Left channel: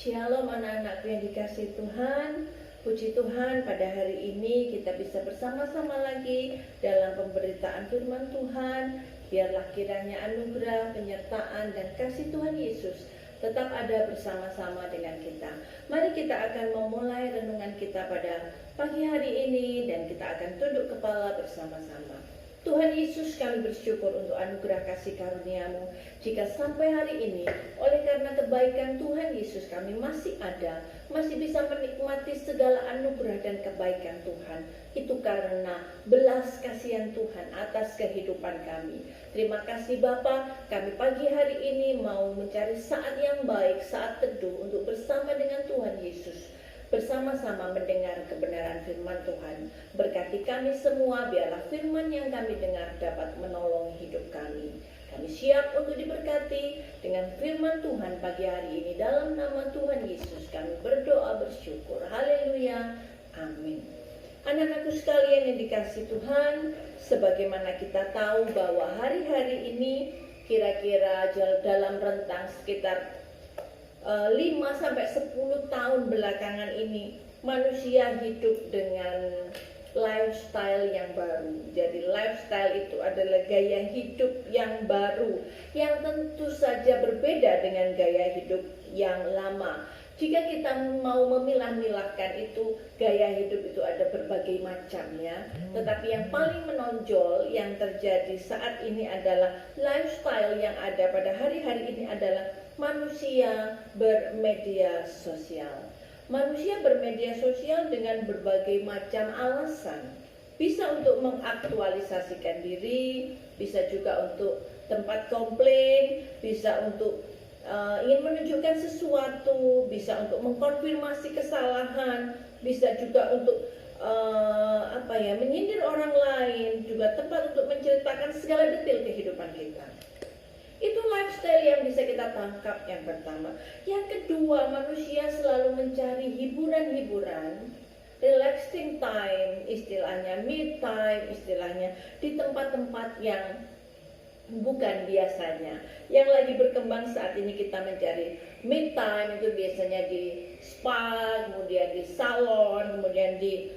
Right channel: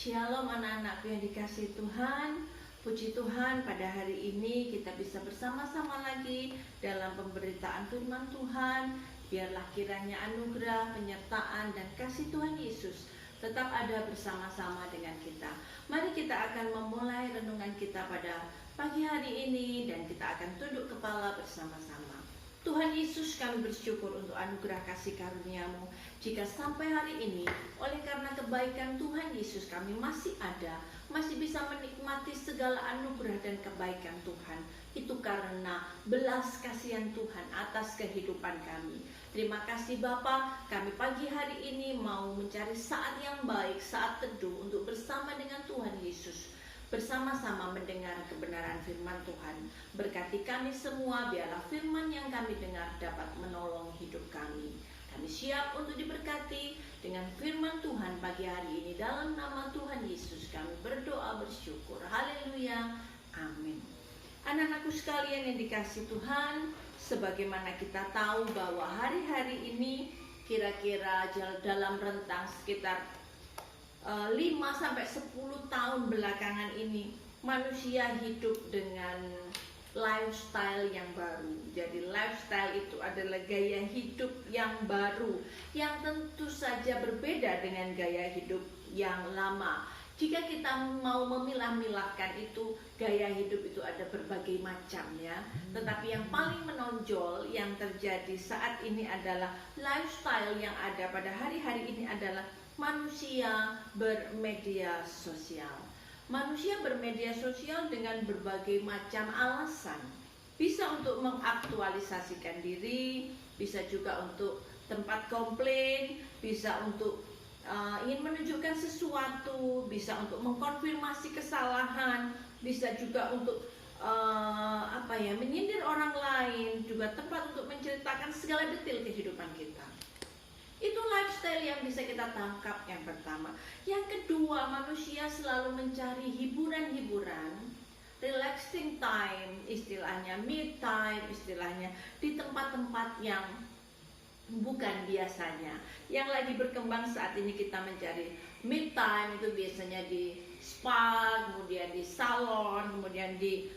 Shalom anak-anakku yang dikasihi Tuhan. Puji Tuhan, pada hari ini kita bisa bersama-sama lagi dalam pemberitaan firman Tuhan. Biarlah kiranya anugerah, penyertaan, dan kasih Tuhan Yesus tetap ada bersama-sama dengan kita. Mari kita akan memulai renungan kita pada pagi hari ini, dan kita akan tunduk kepala bersama-sama. Tuhan Yesus, kami bersyukur untuk anugerah kasih karunia-Mu. Jika sampai hari ini, oleh karena kebaikan Tuhan Yesus, kami masih ada, masih bisa menikmati segala anugerah dan kebaikan Tuhan. Itu karena belas kasihan Tuhan atas kehidupan kami. Terima kasih Bapa, kami pagi hari ini mau mencari saat yang baik, saat teduh untuk bersama dengan Tuhan Yesus, bersama-sama mendengar kebenaran firman Tuhan. Berkati kami semua, biarlah firman yang kami dengar dapat menolong hidup kami. Kami siap untuk diberkati dengan firman Tuhan pagi hari ini. Dalam nama Tuhan Yesus kami berdoa bersyukur. Haleluya, amin. Anak-anakku sekalian yang dikasihi Tuhan, sebagaimana kita tahu bahwa hari-hari ini kira-kira dalam rentang sekitar 5-10 tahun belakangan ini, manusia hidup dengan lifestyle yang baru. Jadi lifestyle itu adalah gaya hidup yang baru, yang tentu saja berbeda dengan gaya hidup yang lama. Jika kita mau memilah-milahkan itu, gaya hidup itu ada berbagai macam ya. Tetapi yang paling menonjol yang terjadi saat ini adalah lifestyle yang ada pada hari-hari ini adalah manusia bermedia sosial. Manusia bermedia sosial dengan berbagai macam alasan. Bisa untuk mengaktualisasikan diri, bisa juga untuk tempat komplain, bisa untuk ingin menunjukkan sesuatu, bisa untuk mengkonfirmasi kesalahan, bisa juga untuk menyindir orang lain, juga tempat untuk menceritakan segala detail kehidupan kita. Itu lifestyle yang bisa kita tangkap yang pertama. Yang kedua, manusia selalu mencari hiburan-hiburan, relaxing time, istilahnya me time, istilahnya di tempat-tempat yang bukan biasanya. Yang lagi berkembang saat ini kita mencari me time itu biasanya di spa, kemudian di salon, kemudian di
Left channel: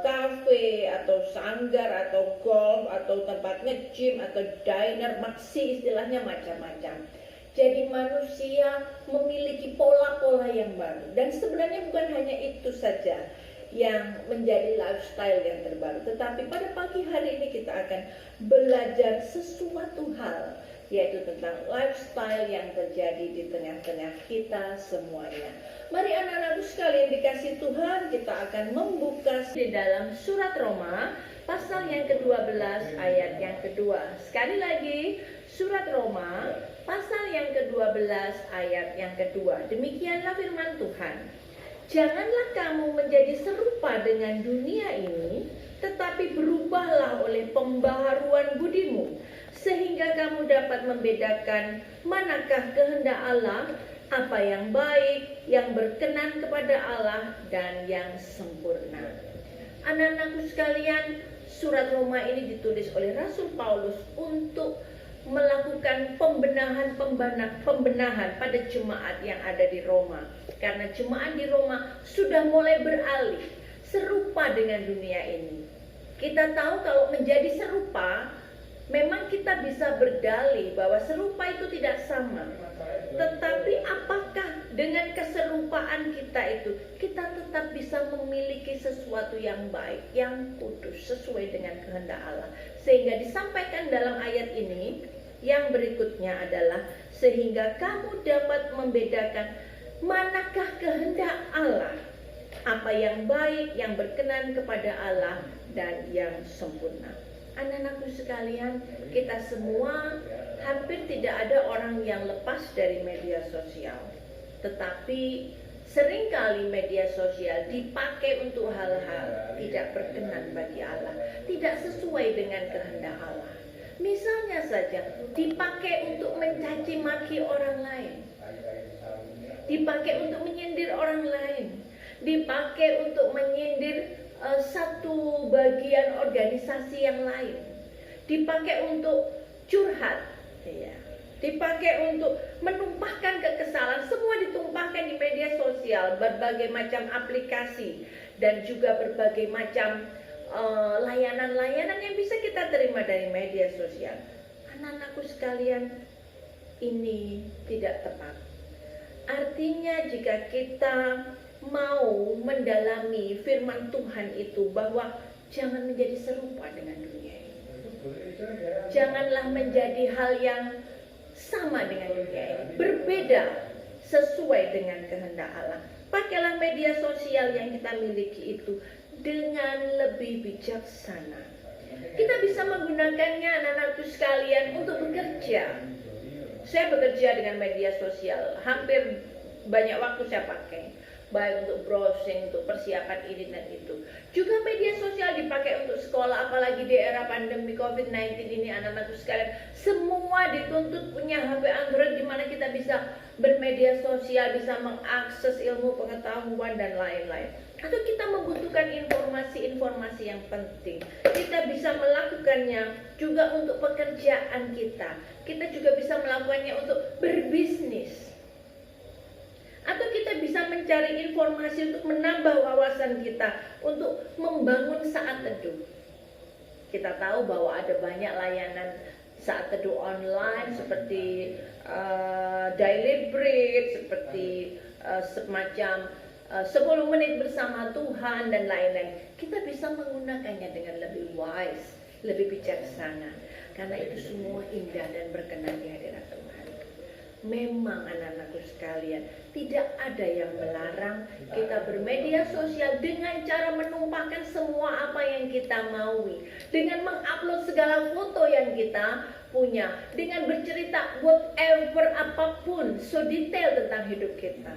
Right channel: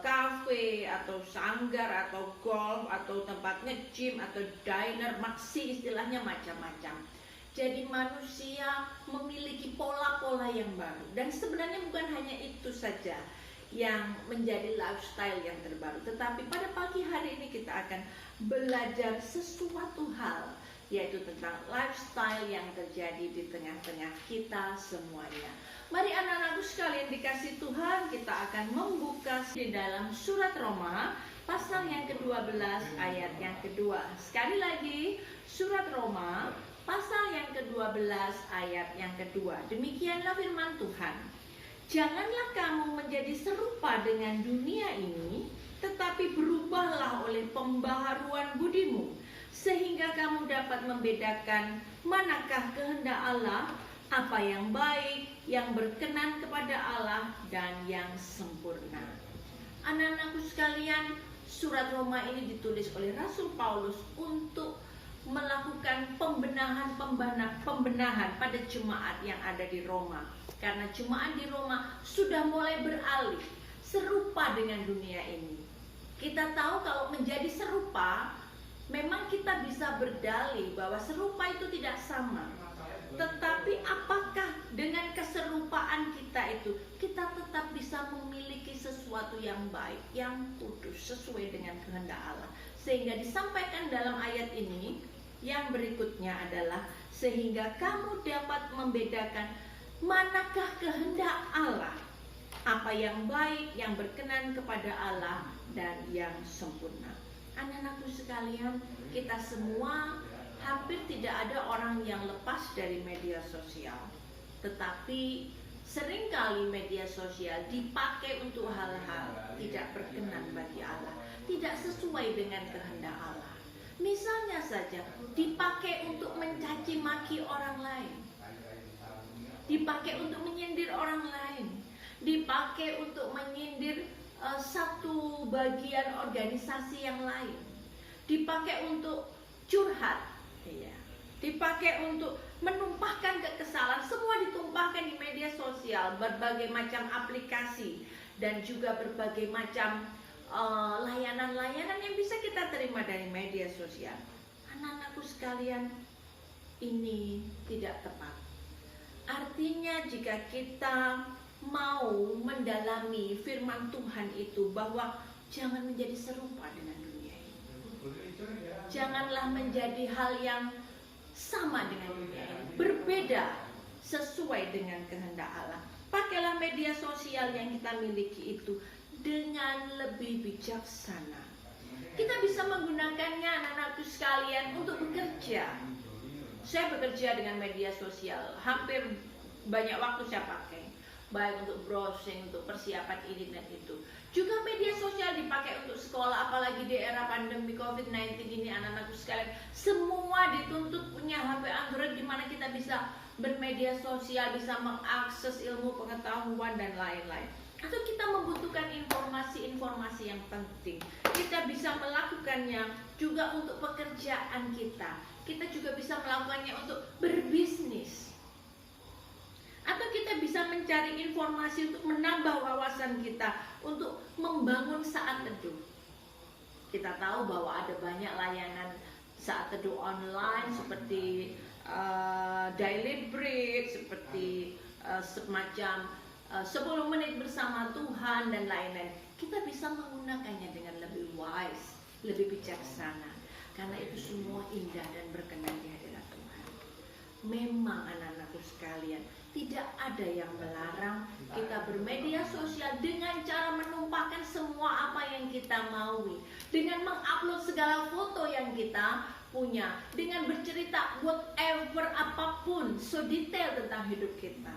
cafe atau sanggar atau golf atau tempat nge-gym atau diner, maksi istilahnya macam-macam. Jadi manusia memiliki pola-pola yang baru, dan sebenarnya bukan hanya itu saja yang menjadi lifestyle yang terbaru, tetapi pada pagi hari ini kita akan belajar sesuatu hal, yaitu tentang lifestyle yang terjadi di tengah-tengah kita semuanya. Mari anak-anakku sekalian dikasih Tuhan, kita akan membuka di dalam surat Roma pasal yang ke-12 ayat yang kedua. Sekali lagi, surat Roma pasal yang ke-12 ayat yang kedua. Demikianlah firman Tuhan. Janganlah kamu menjadi serupa dengan dunia ini, tetapi berubahlah oleh pembaharuan budimu, sehingga kamu dapat membedakan manakah kehendak Allah, apa yang baik, yang berkenan kepada Allah, dan yang sempurna. Anak-anakku sekalian, surat Roma ini ditulis oleh Rasul Paulus untuk melakukan pembenahan pada jemaat yang ada di Roma. Karena jemaat di Roma sudah mulai beralih serupa dengan dunia ini. Kita tahu kalau menjadi serupa, memang kita bisa berdalih bahwa serupa itu tidak sama. Tetapi apakah dengan keserupaan kita itu, kita tetap bisa memiliki sesuatu yang baik, yang kudus, sesuai dengan kehendak Allah. Sehingga disampaikan dalam ayat ini, yang berikutnya adalah, sehingga kamu dapat membedakan manakah kehendak Allah, apa yang baik, yang berkenan kepada Allah, dan yang sempurna. Anak-anakku sekalian, kita semua hampir tidak ada orang yang lepas dari media sosial. Tetapi seringkali media sosial dipakai untuk hal-hal tidak berkenan bagi Allah, tidak sesuai dengan kehendak Allah. Misalnya saja, dipakai untuk mencaci maki orang lain, dipakai untuk menyindir orang lain, dipakai untuk menyindir satu bagian organisasi yang lain, dipakai untuk curhat, ya, dipakai untuk menumpahkan kekesalan, semua ditumpahkan di media sosial, berbagai macam aplikasi, dan juga berbagai macam layanan-layanan yang bisa kita terima dari media sosial. Anak-anakku sekalian, ini tidak tepat. Artinya jika kita mau mendalami firman Tuhan itu, bahwa jangan menjadi serupa dengan dunia ini. Janganlah menjadi hal yang sama dengan dunia ini, berbeda sesuai dengan kehendak Allah. Pakailah media sosial yang kita miliki itu dengan lebih bijaksana. Kita bisa menggunakannya, anak-anakku sekalian, untuk bekerja. Saya bekerja dengan media sosial, hampir banyak waktu saya pakai, baik untuk browsing, untuk persiapan ini dan itu. Juga media sosial dipakai untuk sekolah, apalagi di era pandemi COVID-19 ini, anak-anakku sekalian. Semua dituntut punya HP Android, di mana kita bisa bermedia sosial, bisa mengakses ilmu pengetahuan dan lain-lain. Atau kita membutuhkan informasi-informasi yang penting, kita bisa melakukannya juga untuk pekerjaan kita. Kita juga bisa melakukannya untuk berbisnis. Atau kita bisa mencari informasi untuk menambah wawasan kita, untuk membangun saat teduh. Kita tahu bahwa ada banyak layanan saat teduh online, seperti Daily Bread, seperti semacam 10 menit bersama Tuhan dan lain-lain. Kita bisa menggunakannya dengan lebih wise, lebih bijaksana, karena itu semua indah dan berkenan di hadirat Tuhan. Memang anak-anakku sekalian, tidak ada yang melarang kita bermedia sosial dengan cara menumpahkan semua apa yang kita maui, dengan mengupload segala foto yang kita punya, dengan bercerita whatever, apapun, so detail tentang hidup kita.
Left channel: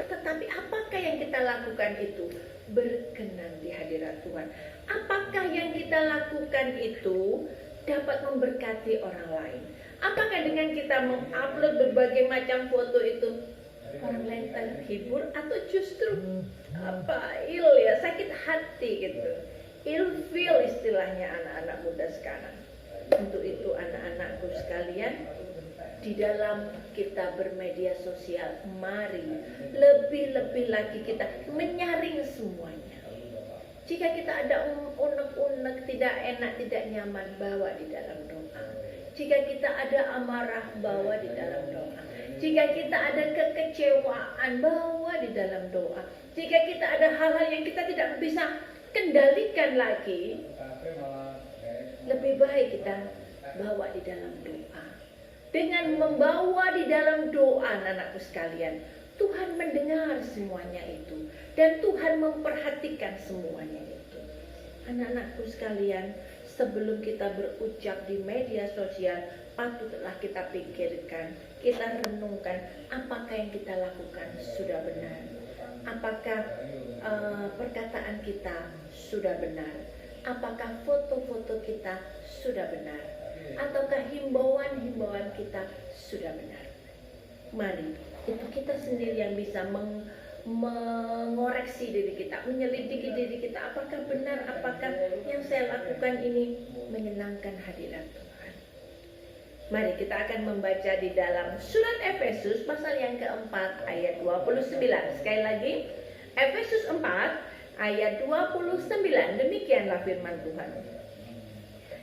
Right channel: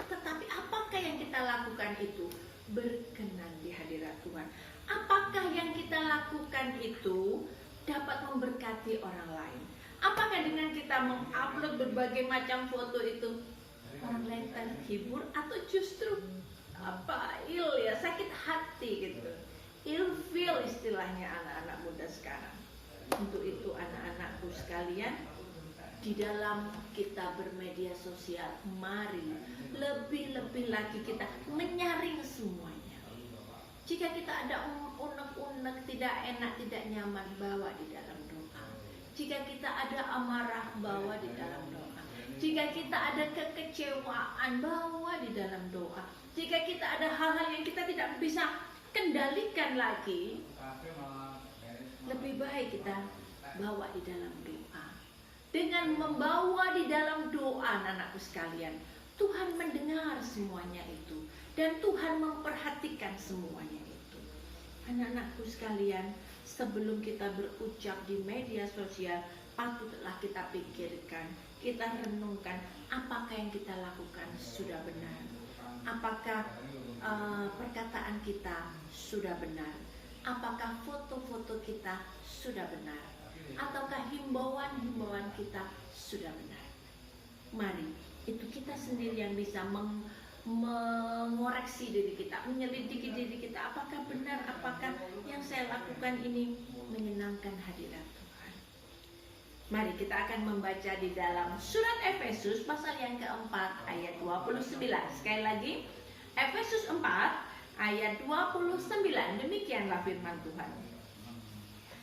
Tetapi apakah yang kita lakukan itu berkenan di hadirat Tuhan? Apakah yang kita lakukan itu dapat memberkati orang lain? Apakah dengan kita mengupload berbagai macam foto itu orang lain terhibur, atau justru sakit hati gitu, ilfeel istilahnya anak-anak muda sekarang. Untuk itu anak-anakku sekalian, di dalam kita bermedia sosial, mari lebih-lebih lagi kita menyaring semuanya. Jika kita ada unek-unek, tidak enak, tidak nyaman, bawa di dalam doa. Jika kita ada amarah, bawa di dalam doa. Jika kita ada kekecewaan, bawa di dalam doa. Jika kita ada hal-hal yang kita tidak bisa kendalikan lagi, lebih baik kita bawa di dalam doa. Dengan membawa di dalam doa, anak-anakku sekalian, Tuhan mendengar semuanya itu, dan Tuhan memperhatikan semuanya itu. Anak-anakku sekalian, sebelum kita berucap di media sosial, patutlah kita pikirkan, kita renungkan, apakah yang kita lakukan sudah benar, apakah perkataan kita sudah benar, apakah foto-foto kita sudah benar, ataukah himbauan-himbauan kita sudah benar. Mari, itu kita sendiri yang bisa mengoreksi diri kita, menyelidiki diri kita, apakah benar, apakah yang saya lakukan ini menyenangkan hadirat Tuhan. Mari kita akan membaca di dalam surat Efesus pasal yang keempat ayat 29. Sekali lagi, Efesus 4 ayat 29. Demikianlah firman Tuhan.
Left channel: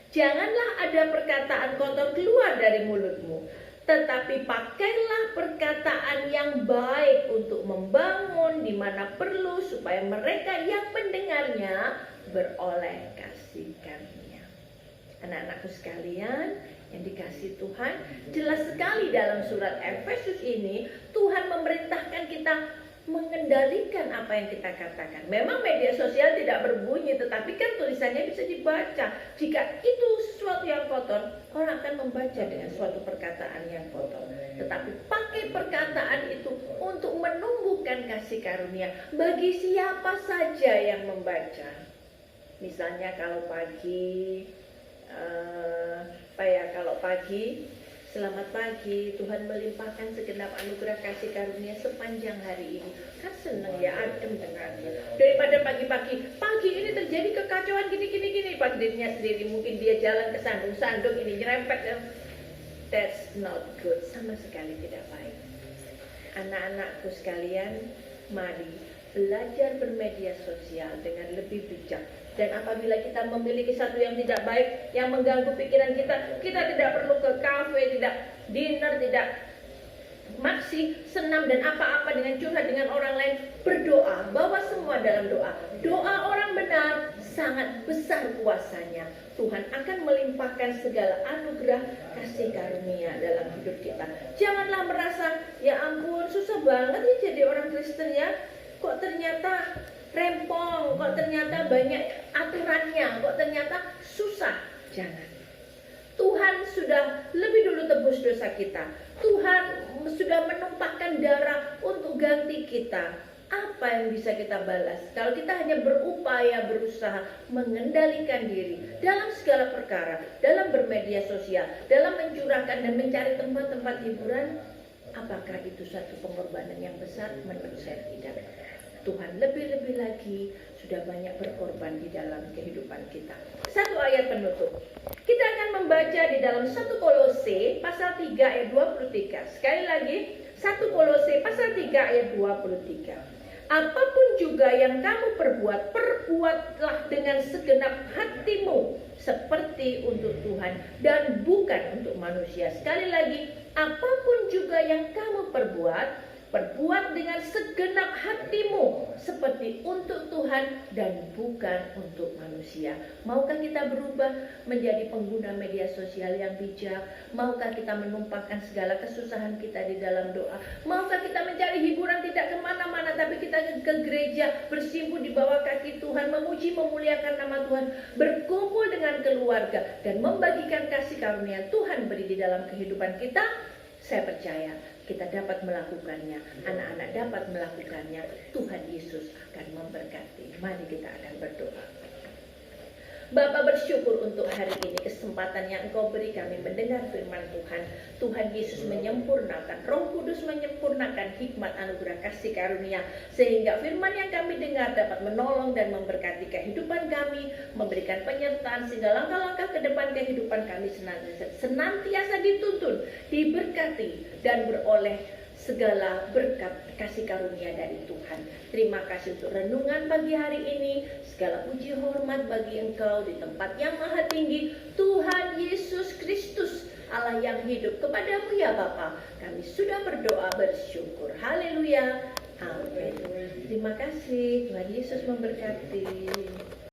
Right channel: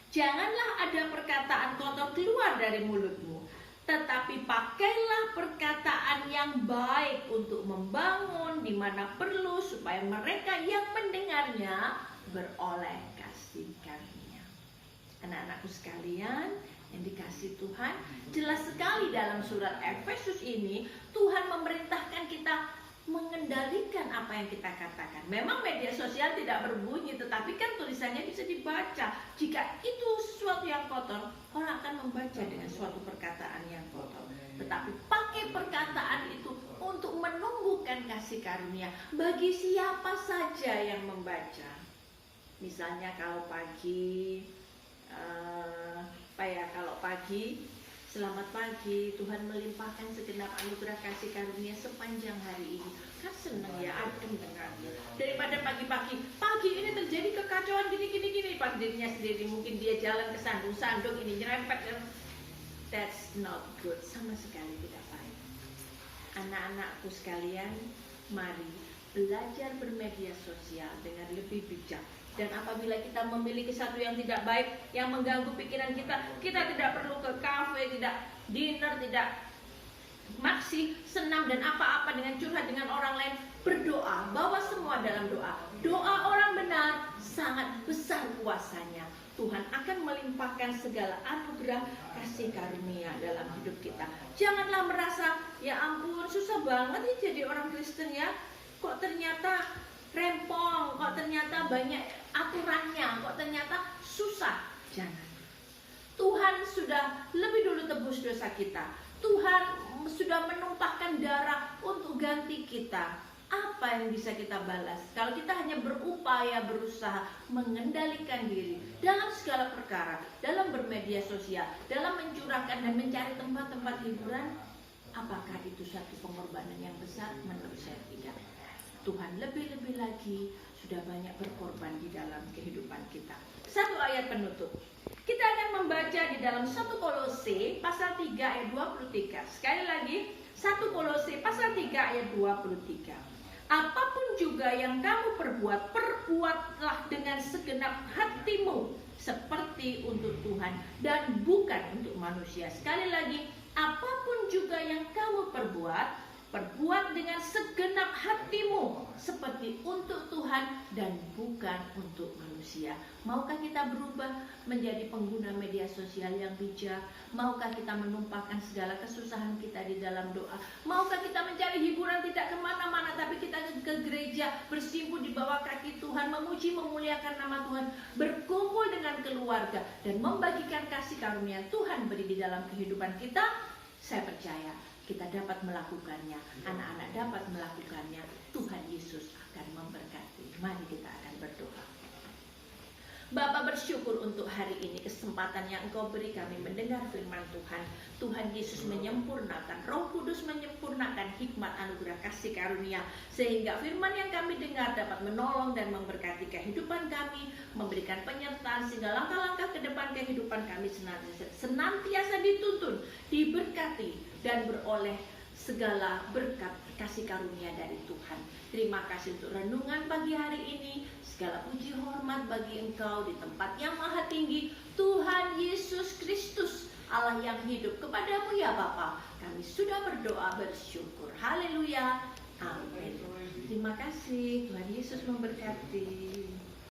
Janganlah ada perkataan kotor keluar dari mulutmu, tetapi pakailah perkataan yang baik untuk membangun di mana perlu, supaya mereka yang mendengarnya beroleh kasih karunia. Anak-anakku sekalian yang dikasihi Tuhan, jelas sekali dalam surat Efesus ini Tuhan memerintahkan kita mengendalikan apa yang kita katakan. Memang media sosial tidak berbunyi, tetapi kan tulisannya bisa dibaca. Jika itu sesuatu yang kotor, orang akan membaca dengan suatu perkataan yang kotor. Tetapi pakai perkataan itu untuk menumbuhkan kasih karunia bagi siapa saja yang membaca. Misalnya kalau pagi, selamat pagi, Tuhan melimpahkan segenap anugerah kasih karunia sepanjang hari ini. Kan senang ya, adem dengannya. Daripada pagi ini terjadi kekacauan gini. Pas dirinya sendiri mungkin dia jalan ke sandung ini nyerempet. That's not good, sama sekali tidak baik. Anak-anakku sekalian, Mari belajar bermedia sosial dengan lebih bijak. Dan apabila kita memiliki satu yang tidak baik, yang mengganggu pikiran kita, kita tidak perlu ke kafe, tidak dinner, tidak maksi, senam dan apa-apa dengan curhat dengan orang lain. Berdoa, bawa semua dalam doa. Doa orang benar sangat besar kuasanya. Tuhan akan melimpahkan segala anugerah kasih karunia dalam hidup kita. Janganlah merasa, ya ampun susah banget ya jadi orang Kristen ya. Kok ternyata rempong, kok ternyata banyak aturannya, kok ternyata susah. Jangan. Tuhan sudah lebih dulu tebus dosa kita. Tuhan sudah menumpahkan darah untuk ganti kita. Apa yang bisa kita balas kalau kita hanya berupaya berusaha mengendalikan diri dalam segala perkara, dalam bermedia sosial, dalam mencurahkan dan mencari tempat-tempat hiburan? Apakah itu satu pengorbanan yang besar? Menurut saya tidak. Tuhan lebih-lebih lagi sudah banyak berkorban di dalam kehidupan kita. Satu ayat penutup. Kita akan membaca di dalam 1 Kolose pasal 3 ayat 23. Sekali lagi, 1 Kolose pasal 3 ayat 23. Apapun juga yang kamu perbuat, perbuatlah dengan segenap hatimu seperti untuk Tuhan dan bukan untuk manusia. Sekali lagi, apapun juga yang kamu perbuat, perbuat dengan segenap hatimu seperti untuk Tuhan dan bukan untuk manusia. Maukah kita berubah menjadi pengguna media sosial yang bijak? Maukah kita menumpahkan segala kesusahan kita di dalam doa? Maukah kita mencari hiburan tidak kemana-mana, tapi kita ke gereja, bersimpuh di bawah kaki Tuhan, memuji memuliakan nama Tuhan, berkumpul dengan keluarga dan membagikan kasih karunia Tuhan beri di dalam kehidupan kita? Saya percaya kita dapat melakukannya, anak-anak dapat melakukannya. Tuhan Yesus akan memberkati. Mari kita akan berdoa. Bapa, bersyukur untuk hari ini, kesempatan yang Engkau beri kami mendengar firman Tuhan. Tuhan Yesus menyempurnakan, Roh Kudus menyempurnakan hikmat anugerah kasih karunia, sehingga firman yang kami dengar dapat menolong dan memberkati kehidupan kami, memberikan penyertaan sehingga langkah-langkah ke depan kehidupan kami senantiasa dituntun, diberkati dan beroleh segala berkat kasih karunia dari Tuhan. Terima kasih untuk renungan pagi hari ini. Segala puji hormat bagi Engkau di tempat yang maha tinggi, Tuhan Yesus Kristus, Allah yang hidup. Kepadamu ya Bapa, kami sudah berdoa bersyukur. Haleluya. Amin. Terima kasih. Tuhan Yesus memberkati.